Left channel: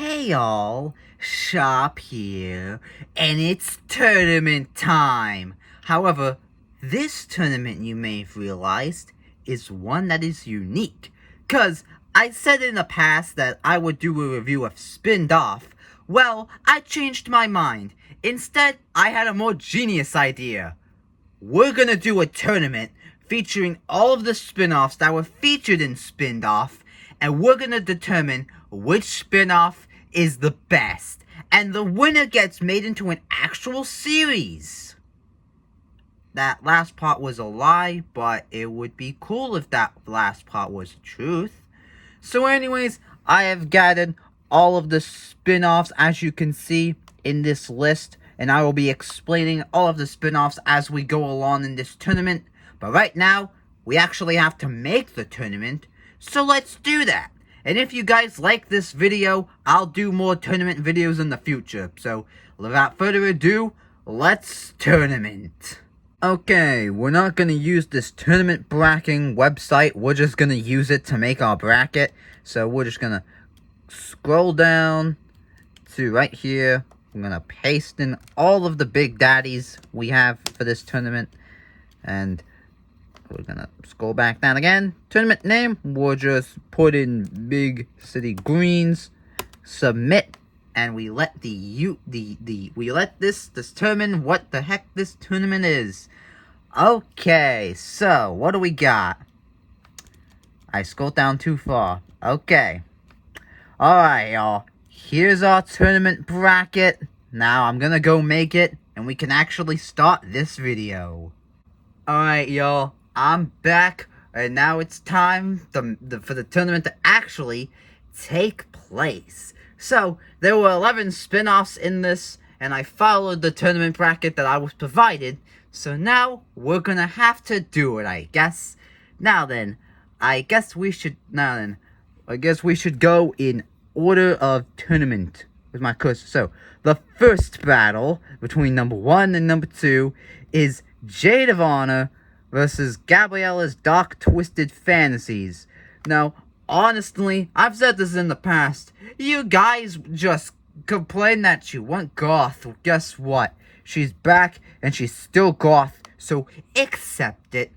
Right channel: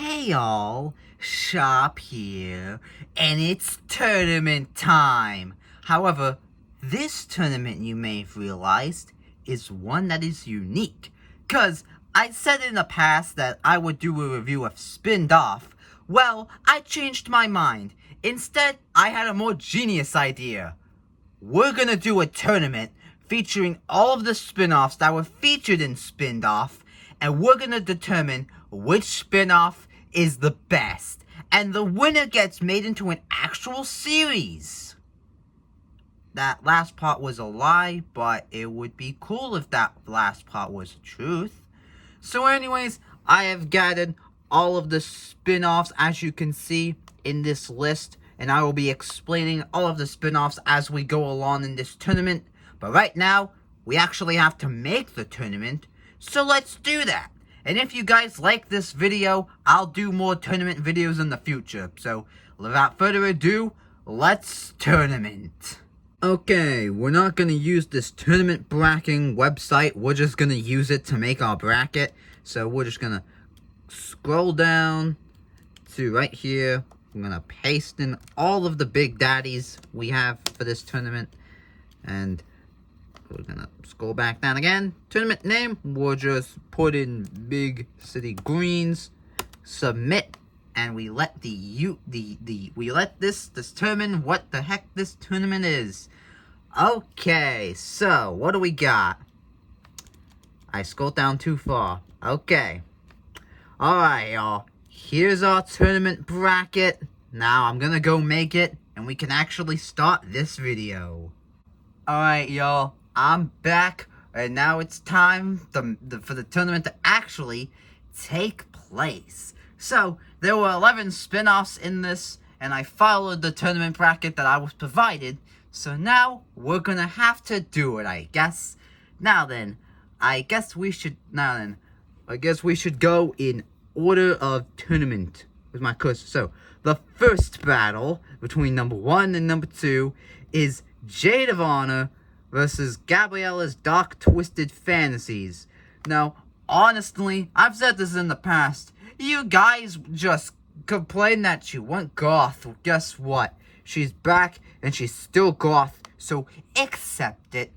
Hey all, Shop here, and it's tournament time! However, this tournament, you may have realized, is one that is unique. Cause I said in the past that I would do a review of Spinned Off. Well, I changed my mind. Instead, I had a more genius idea. We're gonna do a tournament featuring all of the spin-offs that were featured in Spinned Off, and we're gonna determine which spin-off is the best. And the winner gets made into an actual series. That last part was a lie, but it would be cool if that last part was the truth. So anyways, I have gathered all of the spin-offs as you can see in this list, and I will be explaining all of the spin-offs as we go along in this tournament. But right now, we actually have to make the tournament, so let's do that. And if you guys like this video, I'll do more tournament videos in the future. So, without further ado, let's tournament. Okay, we're not going to use this tournament bracketing website. We're just going to use it to make our bracket. So, we're just going to scroll down to right here. I'm going to paste in all of the big daddies we have for this tournament. And we're going to scroll back down again. Tournament name, we'll just put in Big City Greens. Submit. And we let we let this determine what the heck this tournament is. Okay, so what do we got? I scrolled down too far. Okay. Alright, y'all. Here's our tournament bracket. Now I'm gonna go make it, and we can actually start this video. Alright, y'all. I'm back, and now it's time for the tournament to actually take place. So, there were 11 spin-offs in this, and I followed the tournament bracket that I was provided. So now, we're gonna have to do it, I guess. Now then, I guess we should go in order of tournament with my cursor. So, the first battle between number 1 and number 2 is Jade of Honor versus Gabriella's Dark Twisted Fantasies. Now, honestly, I've said this in the past. You guys just complain that she went goth. Well, guess what? She's back, and she's still goth, so accept it.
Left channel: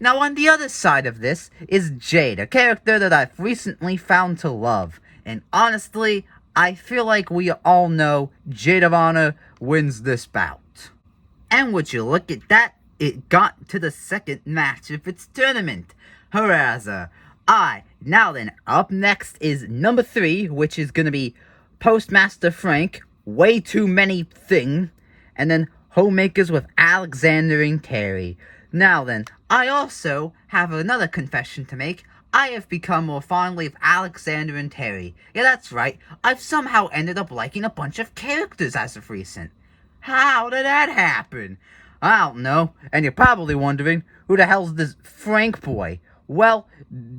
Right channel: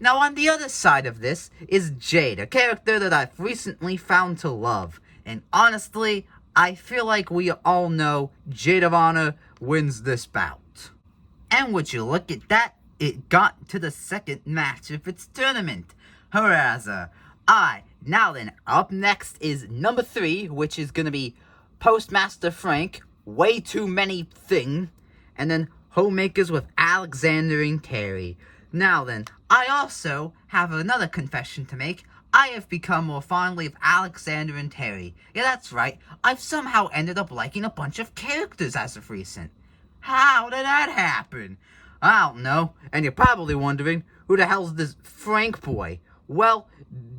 Now, on the other side of this is Jade, a character that I've recently found to love. And honestly, I feel like we all know Jade of Honor wins this bout. And would you look at that? It got to the second match of its tournament. Hurrah! Now then, up next is number 3, which is gonna be Postmaster Frank, Way Too Many Thing, and then Homemakers with Alexander and Terry. Now then, I also have another confession to make. I have become more fondly of Alexander and Terry. Yeah, that's right, I've somehow ended up liking a bunch of characters as of recent. How did that happen? I don't know, and you're probably wondering, who the hell's this Frank boy? Well,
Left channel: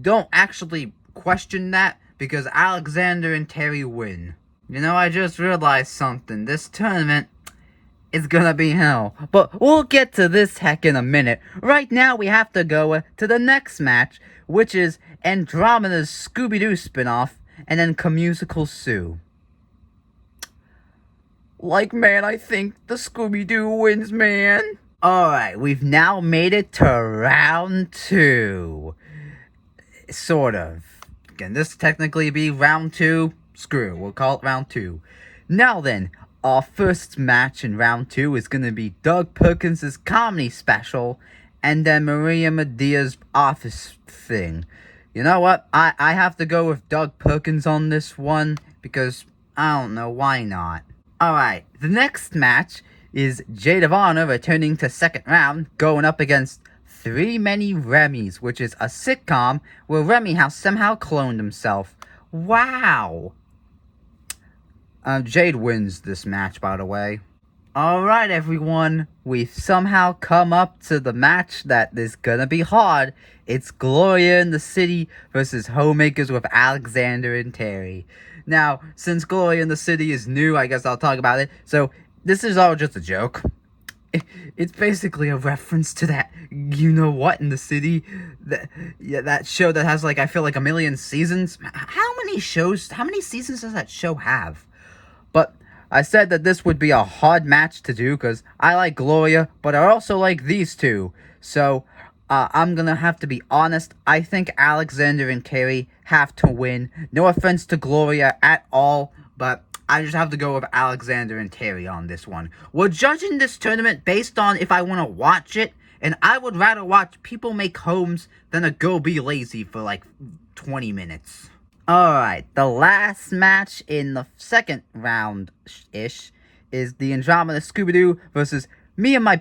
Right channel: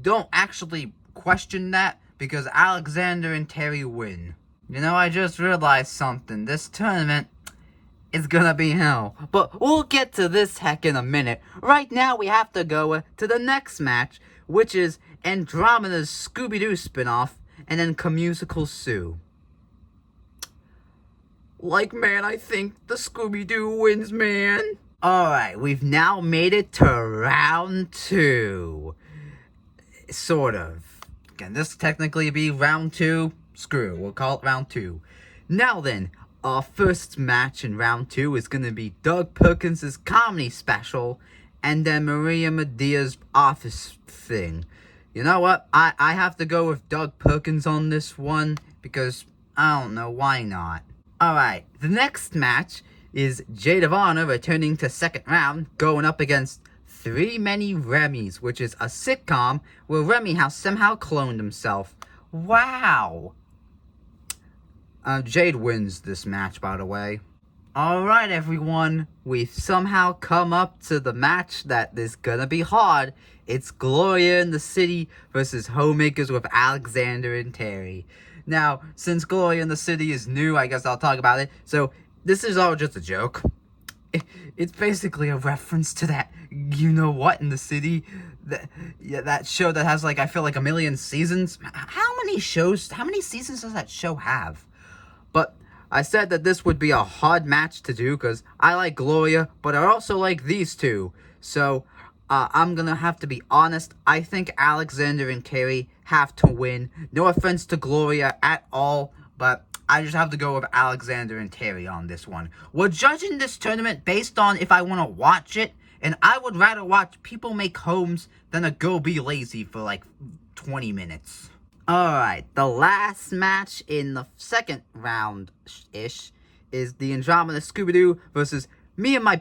don't actually question that, because Alexander and Terry win. You know, I just realized something. This tournament is gonna be hell. But we'll get to this heck in a minute. Right now, we have to go to the next match, which is Andromeda's Scooby-Doo spinoff, and then Commusical Sue. Man, I think the Scooby-Doo wins, man. Alright, we've now made it to round 2. Sort of. Can this technically be round 2? Screw it, we'll call it round 2. Now then, our first match in round 2 is going to be Doug Perkins' comedy special, and then Maria Medea's office thing. You know what? I have to go with Doug Perkins on this one, because, I don't know, why not? Alright, the next match is Jade of Honor returning to second round, going up against Three Many Remy's, which is a sitcom where Remy has somehow cloned himself. Wow! Jade wins this match, by the way. Alright, everyone, we've somehow come up to the match that is gonna be hard. It's Gloria in the City versus Homemakers with Alexander and Terry. Now, since Gloria in the City is new, I guess I'll talk about it. So, this is all just a joke. It's basically a reference to that you-know-what in the city. That show that has, like, I feel like a million seasons. How many seasons does that show have? But I said that this would be a hard match to do because I like Gloria, but I also like these two. So, I'm gonna have to be honest. I think Alexander and Terry have to win. No offense to Gloria at all, but I just have to go with Alexander and Terry on this one. We're judging this tournament based on if I want to watch it, and I would rather watch people make homes than to go be lazy for like 20 minutes. Alright, the last match in the second round-ish is the Andromeda Scooby-Doo versus me and my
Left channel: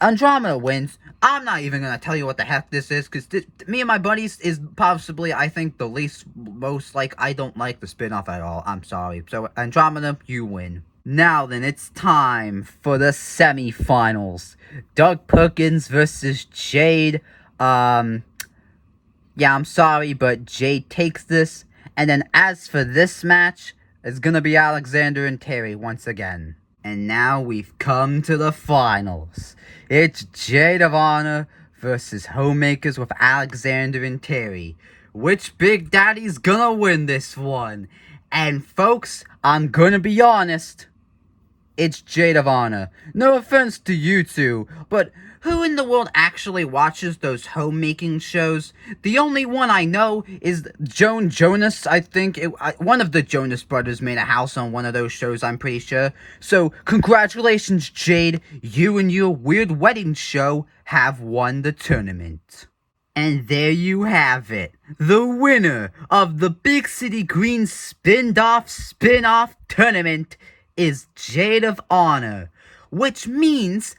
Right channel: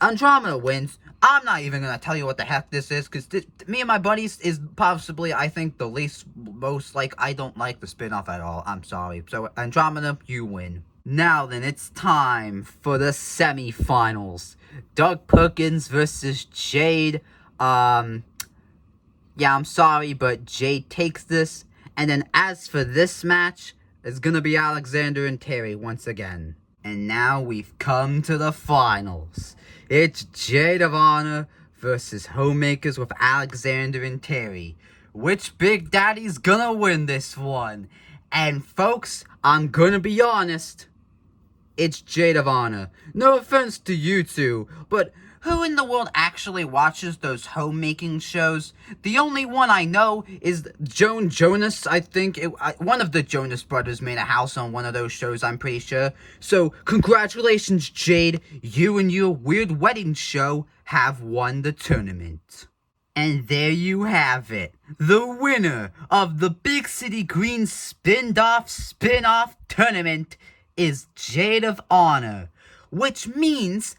Andromeda wins. I'm not even gonna tell you what the heck this is, because me and my buddies is possibly, I think, the most, like, I don't like the spin-off at all. I'm sorry. So, Andromeda, you win. Now then, it's time for the semifinals. Doug Perkins versus Jade. Yeah, I'm sorry, but Jade takes this. And then as for this match, it's gonna be Alexander and Terry once again. And now we've come to the finals. It's Jade of Honor versus Homemakers with Alexander and Terry. Which Big Daddy's gonna win this one? And folks, I'm gonna be honest. It's Jade of Honor. No offense to you two, but who in the world actually watches those homemaking shows? The only one I know is Jonas. I think one of the Jonas brothers made a house on one of those shows, I'm pretty sure. So, congratulations, Jade. You and your weird wedding show have won the tournament. And there you have it. The winner of the Big City Green spin-off tournament is Jade of Honor, which means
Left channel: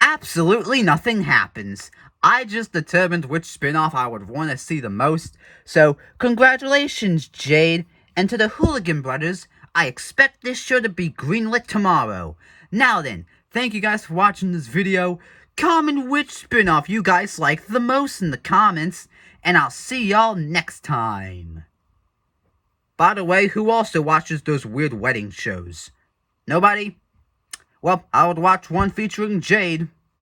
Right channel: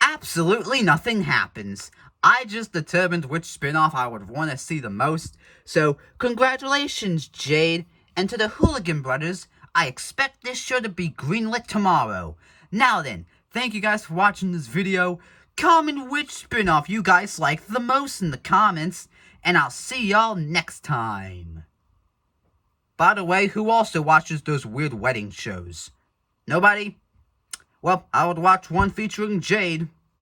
absolutely nothing happens. I just determined which spin-off I would want to see the most, so congratulations, Jade, and to the Hooligan Brothers, I expect this show to be greenlit tomorrow. Now then, thank you guys for watching this video. Comment which spin-off you guys like the most in the comments, and I'll see y'all next time. By the way, who also watches those weird wedding shows? Nobody? Well, I would watch one featuring Jade.